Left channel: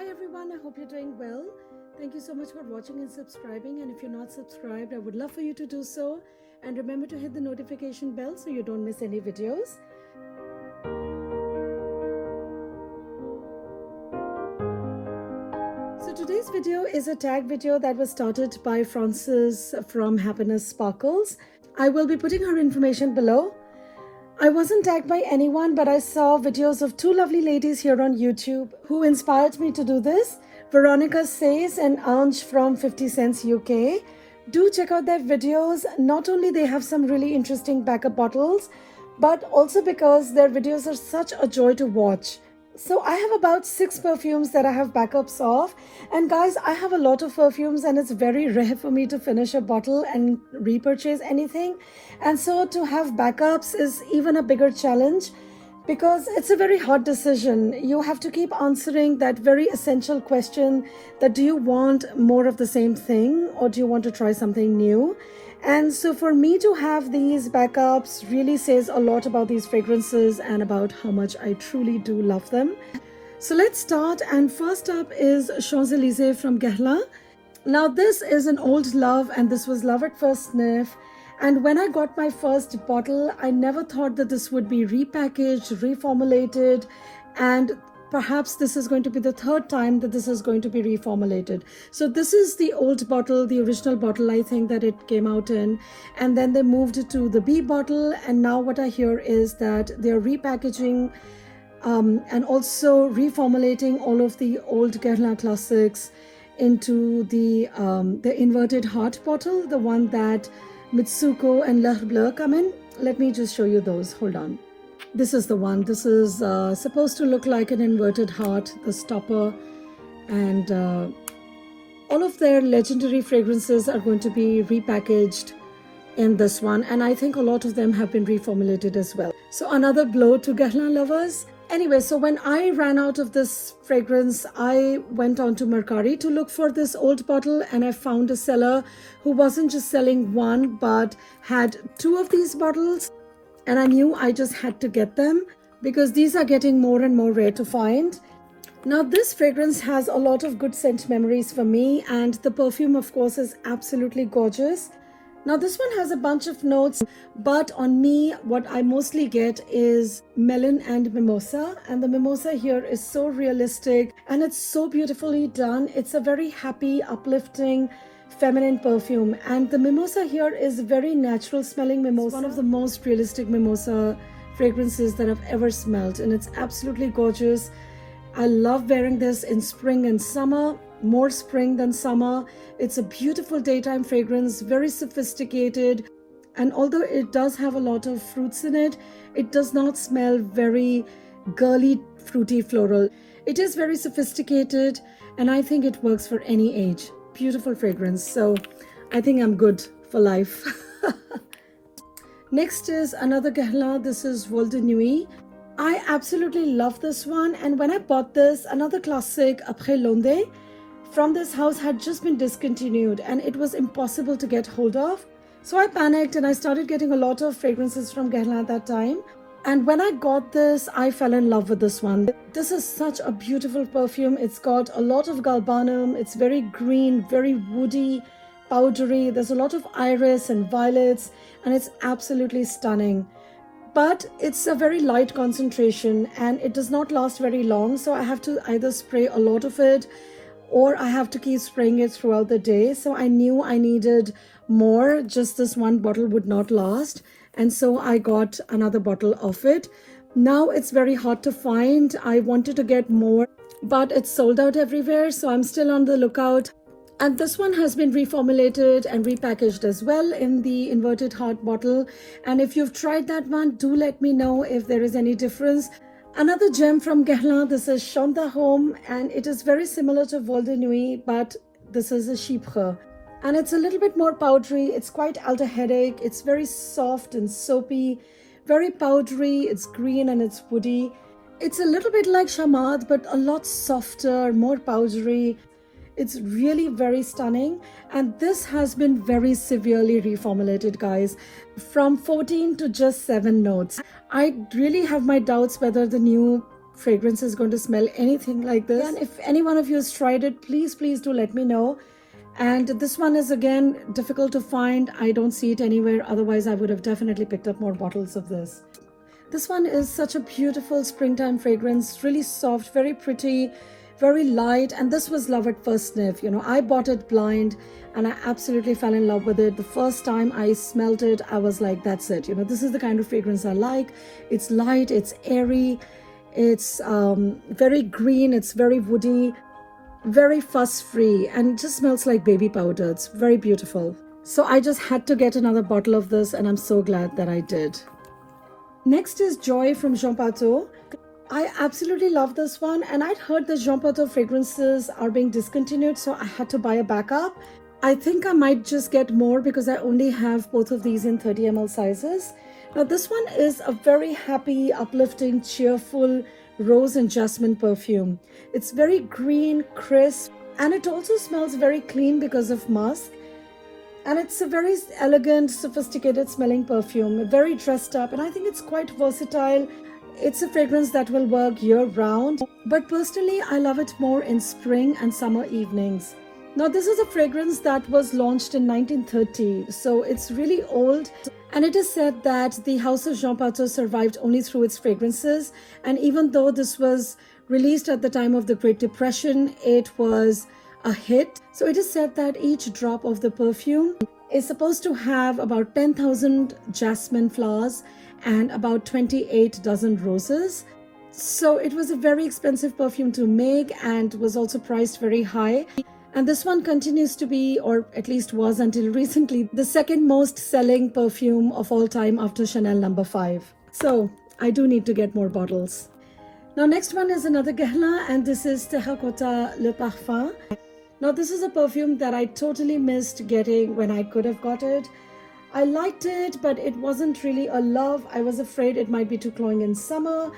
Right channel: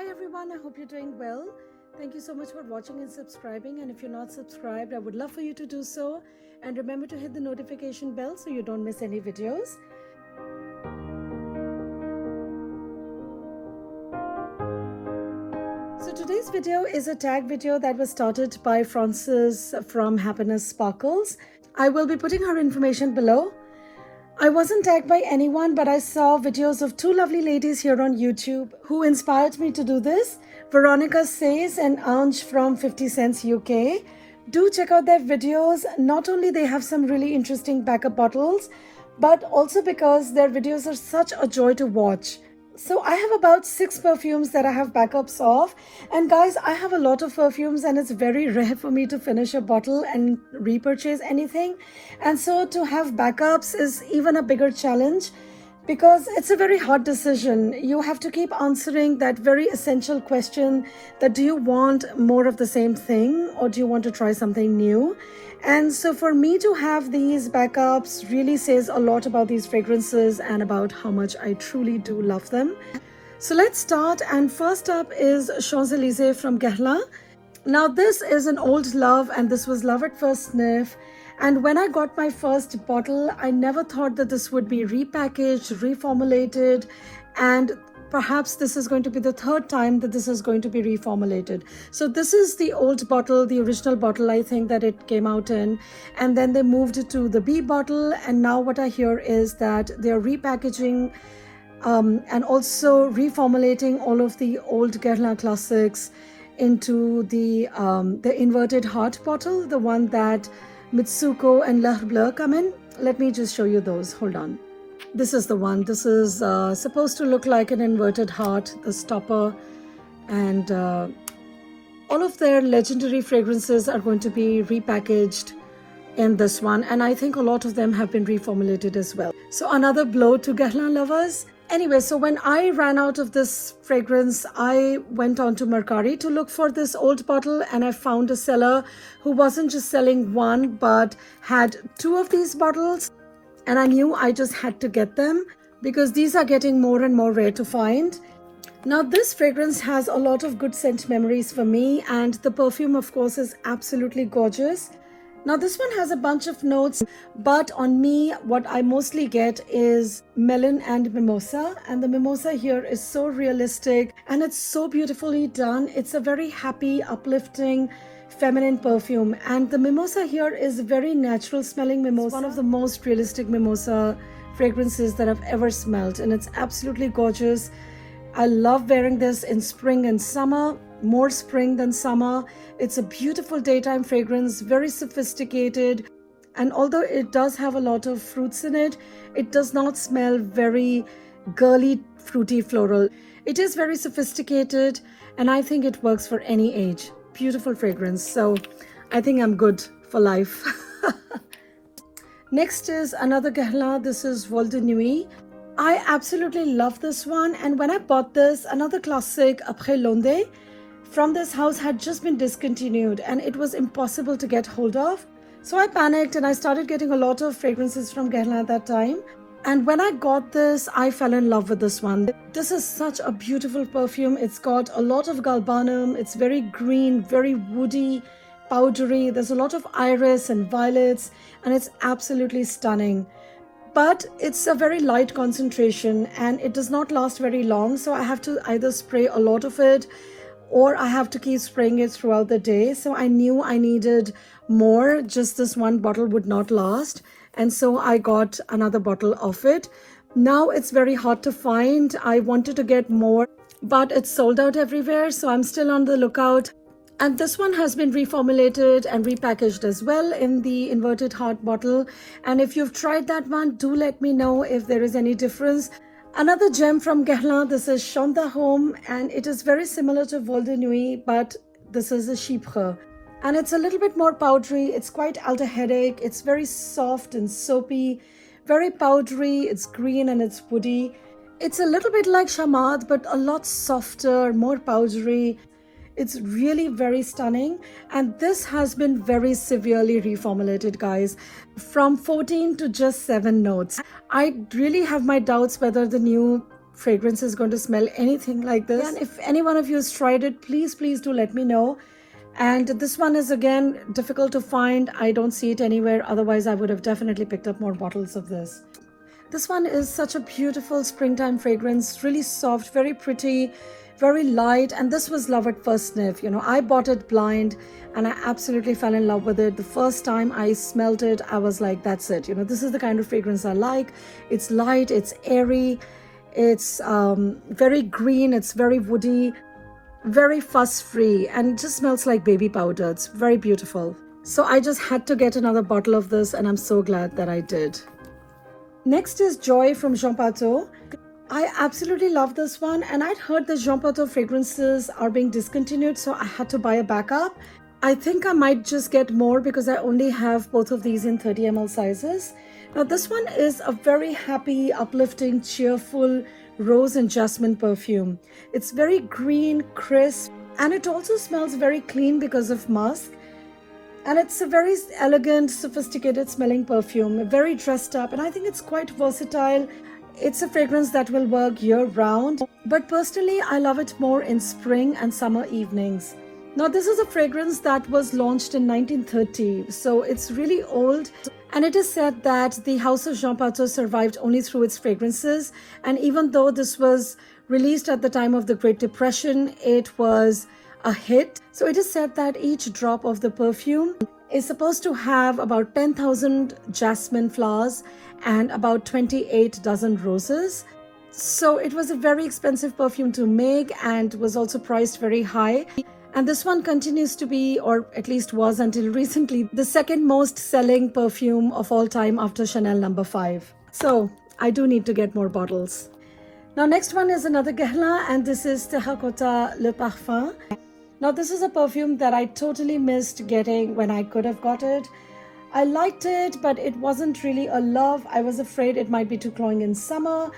Hi everyone, I hope you're doing well. Thank you so much for watching and subscribing, and if you're not subscribed, I would love for you to do so, and remember to hit the notification bell so you don't miss any videos. So today's video is a tag video that was started by Frances from Happiness Sparkles. I will be putting her information below. I wasn't tagged by anyone, but I saw videos of two lovely ladies here on YouTube who inspired me to do this. Veronica Says and Anj from 50 Cents UK. Do check out their videos. Not only they have some really interesting backup bottles, but also because their videos are such a joy to watch. So I have about 6 perfumes that I have backups of, and guys, I have a lot of perfumes and it's very rare for me to finish a bottle and repurchase anything, and so to have backups is even a bigger challenge because it's a very hard decision. You have to keep answering that very essential question that do you want more of the same thing or do you want to try something new? And so for me to have these backups really says a lot about these fragrances and about how much I truly do love them. So let's start, and first up is Champs-Élysées from Guerlain. Now this is an old love and this was love at first sniff. And when I got my first bottle, I never thought that this would be repackaged, reformulated, and perhaps this is going to be the third time that this is going to be reformulated. So this is the old bottle, the original bottle I think that it came out in, and then they moved it to the B bottle, and now what I hear is that they're repackaging and also reformulating all of the old Guerlain classics into the inverted heart bottle, the one that Mitsuko and L'Heure Bleue come in. Let me just show you those. Hold on. This is the one. This is supposed to look like an inverted heart, the stopper, and all of their legendary fragrances are going to be repackaged in this one, and I think a lot of them have been reformulated as well. So another blow to Guerlain lovers. Anyway, so when I ran out of this fragrance, I went on to Mercari to look for this old bottle, and I found a seller who wasn't just selling one but had 2 of these bottles, and I knew I just had to get them because these are getting more and more rare to find. Now this fragrance has a lot of good scent memories for me, and the perfume of course is absolutely gorgeous. Now this one has a bunch of notes, but on me what I mostly get is melon and mimosa, and the mimosa here is so realistic and it's so beautifully done. It's a very happy, uplifting, feminine perfume, and the mimosa here is very natural smelling mimosa. It's one of the most realistic mimosa fragrances that I've ever smelled, and it's absolutely gorgeous. I love wearing this in spring and summer, more spring than summer. It's a beautiful daytime fragrance, very sophisticated, and although it does have a lot of fruits in it, it does not smell very girly, fruity, floral. It is very sophisticated, and I think it works for any age. Beautiful fragrance, so I think I'm good for life. Next is another Guerlain. This is Vol de Nuit. I absolutely love this one, and when I bought this, another classic, Après L'Onde, from this house had just been discontinued and it was impossible to get hold of. So I panicked and I started getting a lot of fragrances from Guerlain at that time. And when I got this, I fell in love with this one. This is such a beautiful perfume. It's got a lot of galbanum. It's very green, very woody, powdery. There's a lot of iris and violets, and it's absolutely stunning. But it's a very light concentration and it does not last very long. So I have to either spray a lot of it or I have to keep spraying it throughout the day. So I knew I needed more. Just this one bottle would not last. And so I got another bottle of it. Now it's very hard to find. I wanted to get more, but it's sold out everywhere. So I'm still on the lookout. And this one has been reformulated and repackaged as well in the inverted heart bottle. And if you've tried that one, do let me know if there is any difference. Another gem from Guerlain, this is Chante d'Arôme, and it is very similar to Vol de Nuit, but this is a Chypre. And it's a little bit more powdery. It's quite aldehydic. It's very soft and soapy, very powdery. It's green and it's woody. It's a little bit like Chamade, but a lot softer, more powdery. It's really very stunning, and this has been very severely reformulated, guys, from 14 to just 7 notes. I really have my doubts whether the new fragrance is going to smell anything like this. And if any one of you has tried it, please do let me know. And this one is again difficult to find. I don't see it anywhere, otherwise I would have definitely picked up more bottles of this. This one is such a beautiful springtime fragrance, really soft, very pretty, very light, and this was love at first sniff. You know, I bought it blind and I absolutely fell in love with it. The first time I smelled it, I was like, that's it. You know, this is the kind of fragrance I like. It's light, it's airy, it's very green, it's very woody, very fuss-free, and it just smells like baby powder. It's very beautiful. So I just had to get another bottle of this, and I'm so glad that I did. Next is Joy from Jean Patou. I absolutely love this one, and I'd heard that Jean Patou fragrances are being discontinued, so I had to buy a backup. I think I might just get more because I only have both of these in 30 ml sizes. Now this one is a very happy, uplifting, cheerful rose and jasmine perfume. It's very green, crisp, and it also smells very clean because of musk. And it's a very elegant, sophisticated smelling perfume, very dressed up, and I think it's quite versatile. It's a fragrance that will work year round, but personally I love it more in spring and summer evenings. Now this is a fragrance that was launched in 1930, so it's really old, and it is said that the House of Jean Patou survived only through its fragrances, and even though this was released at the time of the Great Depression, it was a hit. So it is said that each drop of the perfume is supposed to have about 10,000 jasmine flowers and about 28 dozen roses. So it was a very expensive perfume to make and was also priced very high. And this one continues to be, or at least was until recently, the second most selling perfume of all time after Chanel No. 5. So I do need to get more bottles. Now next one is another Guerlain, and this is Terracotta Le Parfum. Now this is a perfume that I totally missed getting when I could have got it. I liked it, but it wasn't really a love. I was afraid it might be too cloying in summer.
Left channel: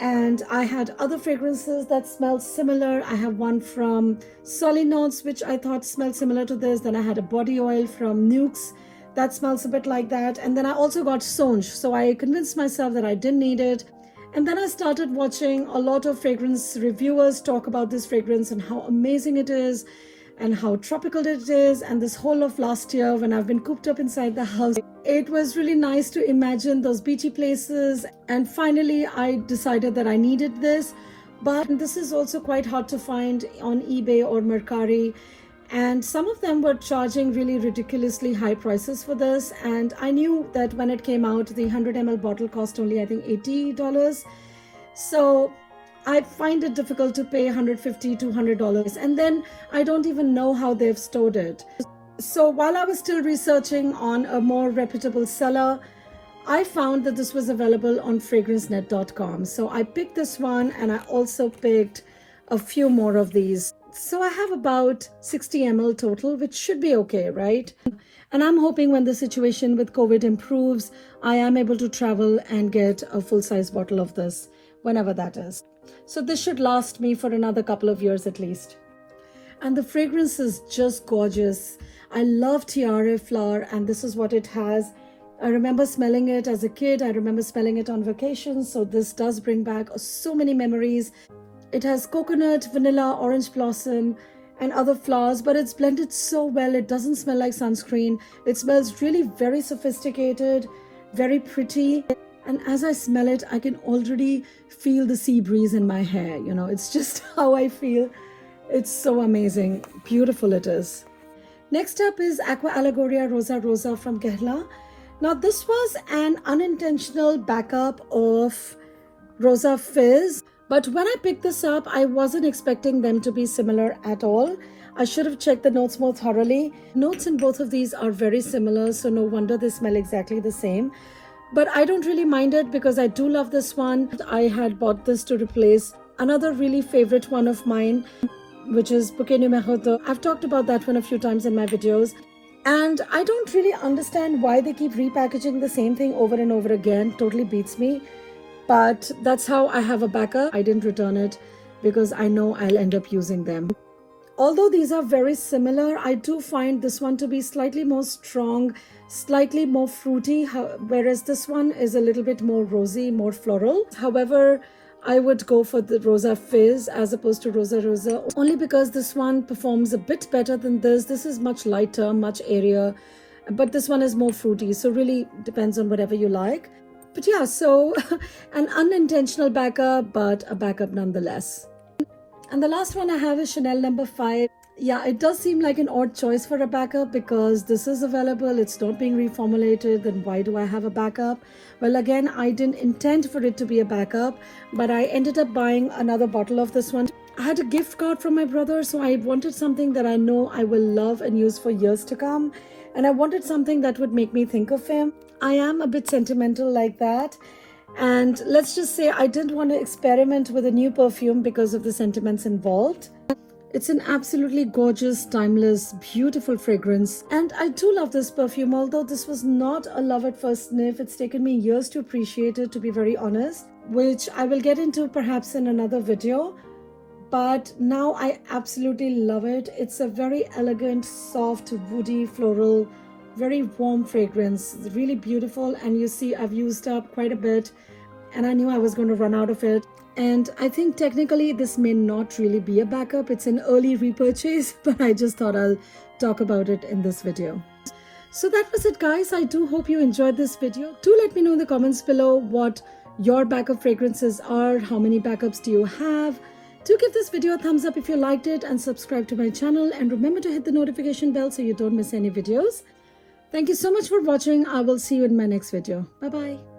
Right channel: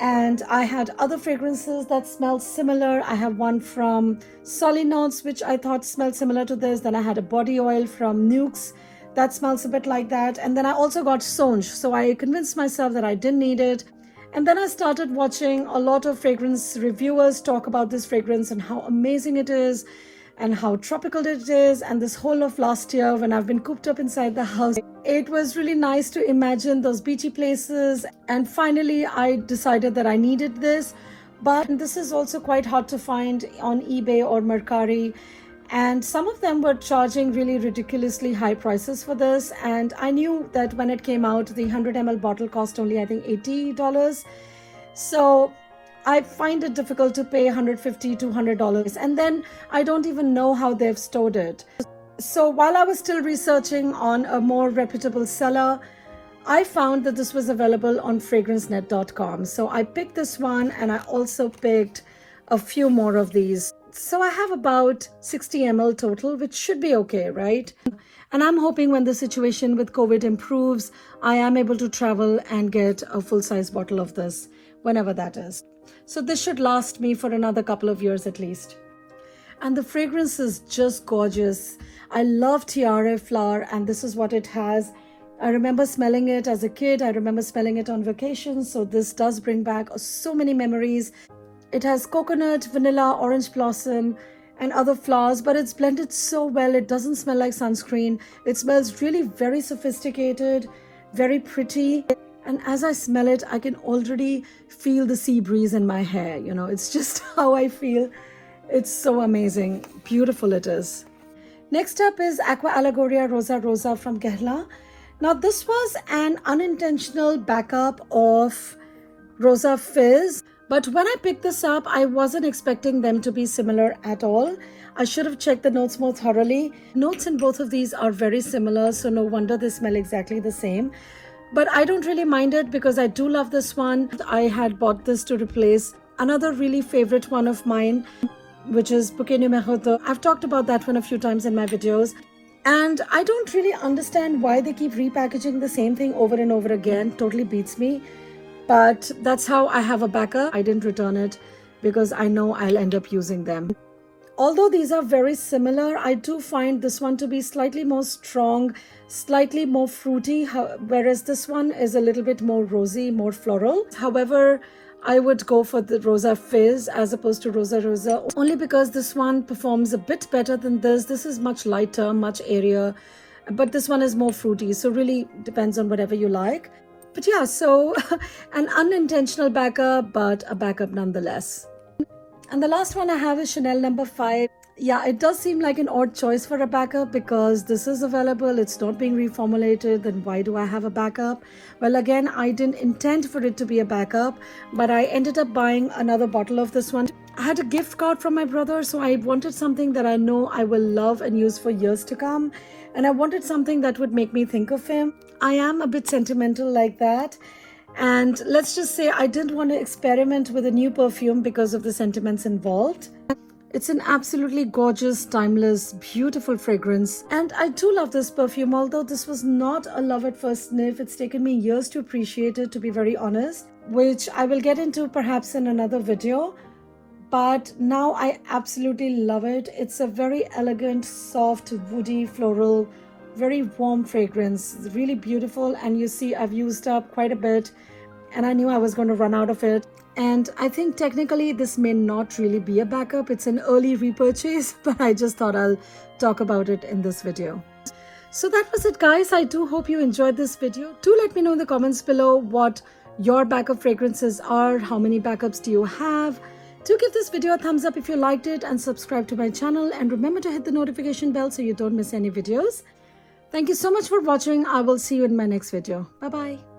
And I had other fragrances that smelled similar. I have one from Solinox, which I thought smelled similar to this. Then I had a body oil from Nuxe that smells a bit like that. And then I also got Songe. So I convinced myself that I didn't need it. And then I started watching a lot of fragrance reviewers talk about this fragrance and how amazing it is and how tropical it is. And this whole of last year, when I've been cooped up inside the house, it was really nice to imagine those beachy places. And finally, I decided that I needed this. But this is also quite hard to find on eBay or Mercari. And some of them were charging really ridiculously high prices for this. And I knew that when it came out, the 100 ml bottle cost only, I think, $80. So I find it difficult to pay $150 to $200. And then I don't even know how they've stored it. So while I was still researching on a more reputable seller, I found that this was available on fragrancenet.com. So I picked this one, and I also picked a few more of these. So I have about 60 ml total, which should be okay, right? And I'm hoping when the situation with COVID improves, I am able to travel and get a full-size bottle of this, whenever that is. So this should last me for another couple of years at least. And the fragrance is just gorgeous. I love Tiare flower, and this is what it has. I remember smelling it as a kid. I remember smelling it on vacation. So this does bring back so many memories. It has coconut, vanilla, orange blossom, and other flowers, but it's blended so well. It doesn't smell like sunscreen. It smells really very sophisticated, very pretty. And as I smell it, I can already feel the sea breeze in my hair. You know, it's just how I feel. It's so amazing. Beautiful it is. Next up is Aqua Allegoria Rosa Rosa from Guerlain. Now this was an unintentional backup of Rosa Fizz. But when I picked this up, I wasn't expecting them to be similar at all. I should have checked the notes more thoroughly. Notes in both of these are very similar, so no wonder they smell exactly the same. But I don't really mind it because I do love this one. I had bought this to replace another really favorite one of mine, which is Bouquet Numéro 2. I've talked about that one a few times in my videos. And I don't really understand why they keep repackaging the same thing over and over again. Totally beats me. But that's how I have a backup. I didn't return it because I know I'll end up using them. Although these are very similar, I do find this one to be slightly more strong, slightly more fruity, whereas this one is a little bit more rosy, more floral. However, I would go for the Rosa Fizz as opposed to Rosa Rosa, only because this one performs a bit better than this. This is much lighter, much airier, but this one is more fruity, so really depends on whatever you like. But yeah, so an unintentional backup, but a backup nonetheless. And the last one I have is Chanel number 5. Yeah, it does seem like an odd choice for a backup because this is available, it's not being reformulated, then why do I have a backup? Well, again, I didn't intend for it to be a backup, but I ended up buying another bottle of this one. I had a gift card from my brother, so I wanted something that I know I will love and use for years to come. And I wanted something that would make me think of him. I am a bit sentimental like that. And let's just say I didn't want to experiment with a new perfume because of the sentiments involved. It's an absolutely gorgeous, timeless, beautiful fragrance. And I do love this perfume, although this was not a love at first sniff. It's taken me years to appreciate it, to be very honest, which I will get into perhaps in another video. But now I absolutely love it. It's a very elegant, soft, woody, floral, very warm fragrance. It's really beautiful. And you see, I've used up quite a bit and I knew I was going to run out of it. And I think technically this may not really be a backup. It's an early repurchase, but I just thought I'll talk about it in this video. So that was it, guys. I do hope you enjoyed this video. Do let me know in the comments below what your backup fragrances are. How many backups do you have? Do give this video a thumbs up if you liked it and subscribe to my channel. And remember to hit the notification bell so you don't miss any videos. Thank you so much for watching. I will see you in my next video. Bye-bye.